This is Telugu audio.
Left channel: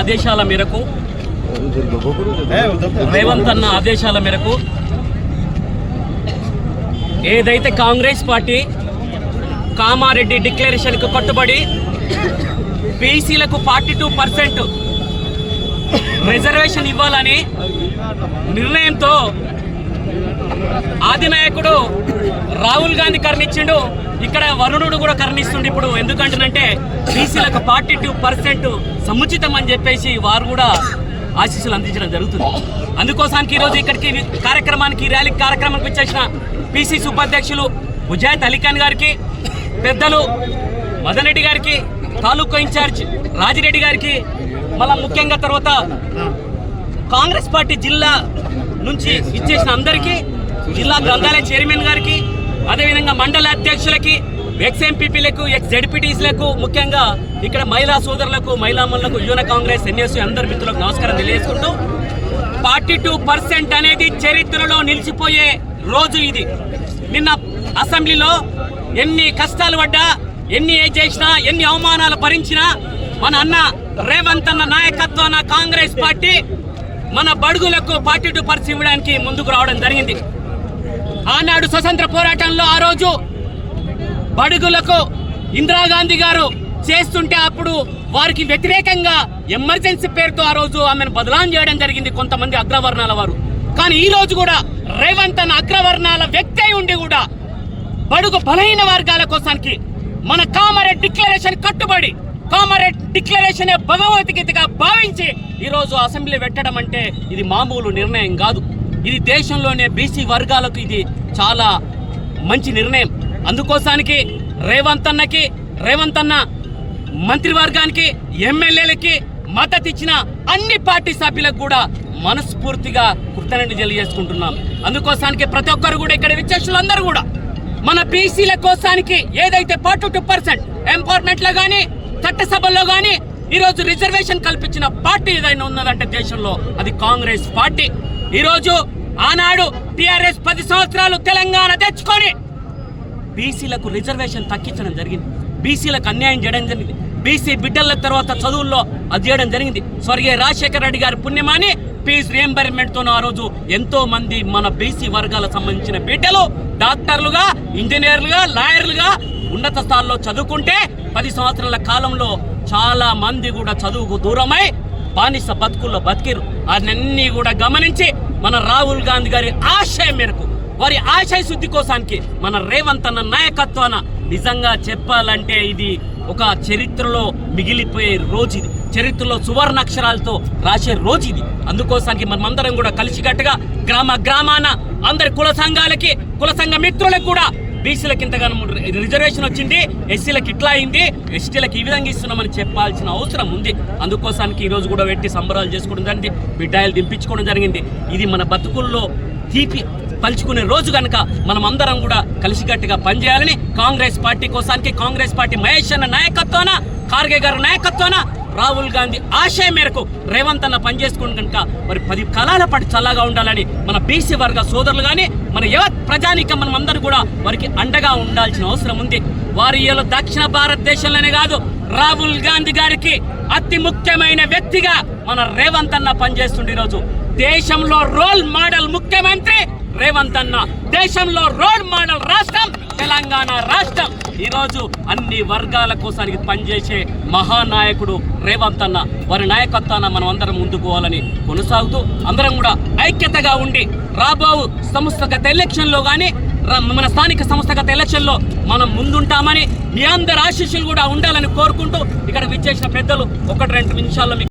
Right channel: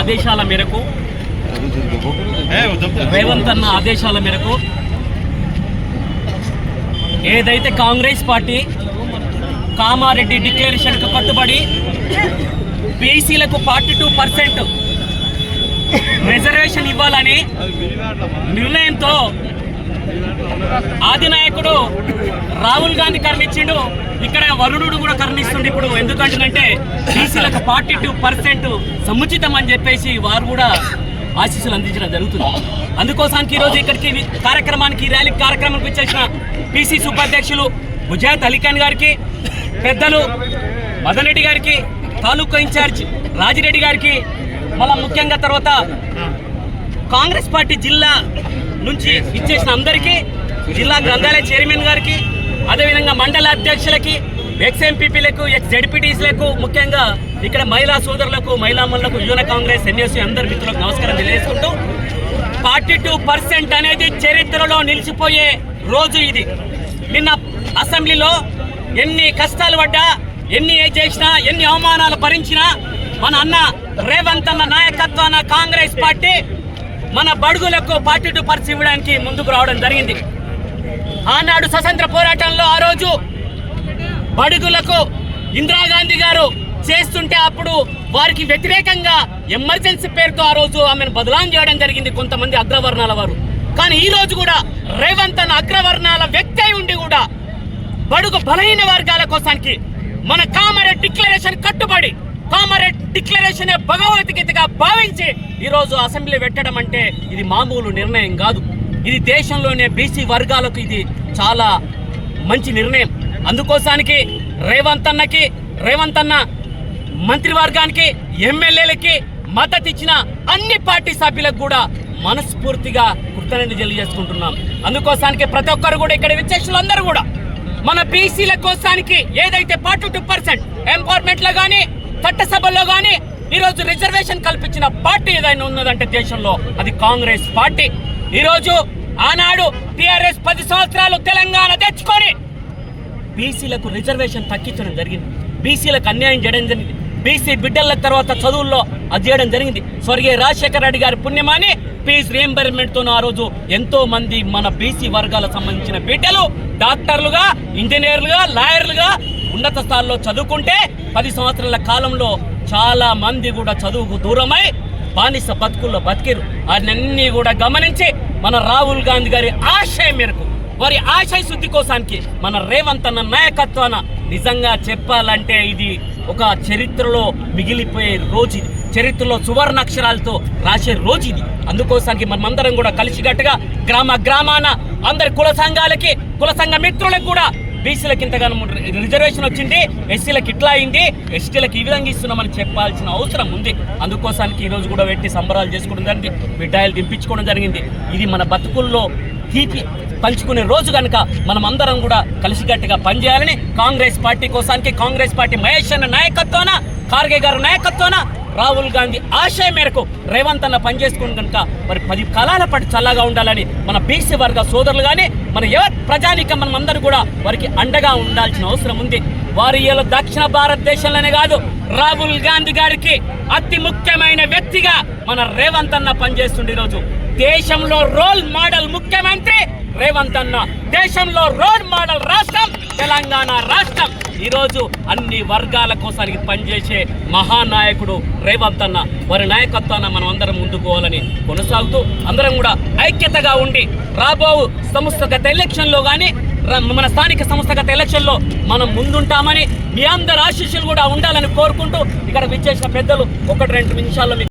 ఆదేశాల మేరకు రేవంత్ అన్న ఆదేశాల మేరకు ఏదైతే కాంగ్రెస్ పార్టీ కామారెడ్డి డిక్లరేషన్కు కట్టుబడి బీసీలకు ఫార్టీ టూ పర్సెంట్ రిజర్వేషన్ ఇవ్వాలని నిర్ణయంతో ఆదినాయకుడు రాహుల్ గాంధీ కర్ణించిండు ఇక్కడ వరుణుడు కూడా కర్ణిస్తుంది ఇప్పుడు ఎందుకంటేనంటే బీసీలకు ఫార్టీ టూ పర్సెంట్ సముచితం అని చెప్పేసి వారు కూడా ఆశీస్సులు అందించడం జరుగుతుంది అందుకోసానికి ఈరోజు ఇక్కడికి కార్యక్రమానికి ర్యాలీ కార్యక్రమానికి వచ్చేసిన పిసిసి ఉపాధ్యక్షులు ఉజాత్ అలీఖాన్ గారికి పెద్దలు మదన్ రెడ్డి గారికి తాలూకా ఇన్ఛార్జ్ రాజిరెడ్డి గారికి మళ్ళా ముఖ్యంగా తర్వాత కాంగ్రెస్ పార్టీ జిల్లా నుంచి ఇచ్చేసిన అందరికీ జిల్లా గ్రంథాలయ చైర్మన్ గారికి అదేవిధంగా మండల అధ్యక్షులకి ఎక్స్ ఎంపీపీలకు ఎక్స్ జడ్పీటీస్లకు ముఖ్యంగా ఇక్కడ మహిళా సోదరులకు మహిళామణులకు యువన కాంగ్రెస్ ఎన్ఎస్ఈ అందరి మిత్రులకు నమస్కారం తెలియజేసుకుంటూ ఫార్టీ టూ పర్సెంట్ అనేది చరిత్రలో నిలిచిపోయే రోజు ఇది నిన్న అసెంబ్లీలో ఎన్ని కష్టాలు పడ్డా ఎన్ని ఏ చేసినా ఎన్ని అవమానాలు భరించినా మన అన్న రేవంత్ అన్న నాయకత్వాన కాంగ్రెస్ పార్టీ మన బడుగులకు పార్టీ టూ పర్స్ ఇవ్వడానికి ముందుకు రావడం జరిగింది ఆనాడు స్వతంత్ర పోరాటంలో ఆ రోజు బడుగులకు ఇందిరాగాంధీ గారు చేస్తుంటే అప్పుడు వారికి వ్యతిరేకంగా ఎమర్జెన్సీ పేరుతో ఆ రోజు ఆమెను బదలాం చేయడం జరిగింది కొంతమంది అగ్రవర్ణాల వారు కానీ ఈ రోజు కూడా రేవంత్ అన్న అగ్రవర్ణాల వ్యక్తి అయి ఉండి కూడా బడుగు బలహీన వర్గాల కోసానికి మన కామరేడ్ డిక్లరేషన్ కట్టుబడి కామరేడ్ డిక్లరేషన్ భగవద్గీతగా భావించి ఈరోజు అసెంబ్లీ పెట్టడం అంటే ఇది మామూలు నిర్ణయం కాదు ఇది దేశంలోనే బీసీ వర్గాలకు ఇది చాలా మంచి నిర్ణయం అందుకోసానికి రేవంత్ అన్నకి రేవంత్ అన్న మంత్రివర్గానికి ఎమ్మెల్యేలకి మద్దతు ఇచ్చిన అన్ని పార్టీ సభ్యులకు కూడా మనస్ఫూర్తిగా కృతజ్ఞతలు తెలియజేసుకుంటున్నాం అందుకోసానికి ప్రతి ఒక్కరు కూడా ఇక్కడ విచ్చేసులందరూ కూడా మన బీసీల కోసానికి ఏదైతే పార్టీ టూ పర్సెంట్ ఎంపవర్మెంట్లో కానీ చట్టసభల్లో కానీ ఈరోజు రిజర్వేషన్ కల్పించిన పార్టీ ఏదైనా ఉన్నదంటే దేశంలో అది కాంగ్రెస్ పార్టీ ఈరోజు ఆనాడు టిఆర్ఎస్ పది సంవత్సరాలు తెలంగాణ తెచ్చుకొని బీసీలకు రిజర్వేషన్ తగ్గించడం జరిగింది బీసీలకు అన్యాయం చేయడం జరిగింది బీసీ బిడ్డల తర్వాత చదువుల్లో అది చేయడం జరిగింది స్వర్గీయ రాజశేఖర రెడ్డి గారి పుణ్యమాని ఫీజు రియంబర్మెంట్తో ఆ రోజు ఎంతో మంది మన బీసీ వర్గాలకు సంబంధించిన బిడ్డలు డాక్టర్లుగా ఇంజనీర్లుగా లాయర్లుగా ఉన్నత స్థాయిలో చదువుకుంటే పది సంవత్సరాల కాలంలో చాలా మంది కూడా చదువుకు దూరమై బానిస బతుకుల్లో బతికిరు అన్నీ కూడా గమనించి మన రాహుల్ గాంధీ గారి ఆశయం మేరకు వారి ఆశయ శుద్ధి కోసానికి మన రేవంత్ అన్న నాయకత్వాన నిజంగా చెప్పాలంటే ఇది ఒక చరిత్రలో మిగిలిపోయే రోజు ఇది చరిత్రలో సువర్ణాక్షరాలతో రాసే రోజు ఇది అందుకోసానికి మనమందరం కూడా కలిసికట్టుగా గ్రామ గ్రామాన అందరి కుల సంఘాలకి కుల సంఘ మిత్రులకు కూడా బీసీలకు ఇంతగానో రిజర్వేషన్ వచ్చింది ఎస్సీలకు ఇట్లా అయింది ఎస్టీలకు ఈ విధంగా ఇస్తున్నామని చెప్పాల్సిన అవసరం ఉంది అందుకోసానికి ఈరోజు కూడా పెట్టి సంబరాలు చేసుకోవడం జరిగింది మిఠాయిలు దింపించుకోవడం జరిగింది ఇది మన బతుకుల్లో తీపి పలుచుకునే రోజు కనుక మనం అందరం కూడా కలిసికట్టుగా పనిచేయాలని కాంగ్రెస్ పార్టీ కోసానికి కాంగ్రెస్ పార్టీ మహేష్ అన్న నాయకత్వాన ఖార్గే గారి నాయకత్వాన రాహుల్ గాంధీ ఆశయం మేరకు రేవంత్ అన్న పనిచేసుకుని కనుక మరి పది కాలాల పాటు చల్లగా ఉండాలని మన బీసీ వర్గ సోదరులు కానీ మన యువ ప్రజానికం మనం అందరూ కూడా వారికి అండగా ఉండాల్సిన అవసరం ఉంది వారి దక్షిణ భారతదేశంలోనే కాదు రాహుల్ గాంధీ గారికి అతి ముఖ్యమైన వ్యక్తిగా మన రేవంత్ అన్న పనిచేస్తుండే ఈరోజు దేశంలో రోల్ మోడల్ ముఖ్యమంత్రి రేవంత్ అన్న దేశంలో రోల్ మోడల్ రాష్ట్రం తెలంగాణ రాష్ట్రం ఈరోజు అన్ని వర్గాల కోసానికి పనిచేసే మహానాయకుడు రేవంత్ అన్న వారి నాయకత్వాన్ని మనం అందరం ముందుకు పోవాలని కొనసాగుతూ అందరం కూడా ఐక్యతగా ఉండి రాబో సంస్థగత ఎలక్షన్లో కానీ మన స్థానిక సంస్థగత ఎలక్షన్లో మనం ముందుంటామని మీ అందరి ఆశీస్సులు కూడా ఉండాలని కోరుకుంటూ ఇక్కడ విచ్చేసిన పెద్దలు ఒకటి రెండు నిమిషాల్లో మీకు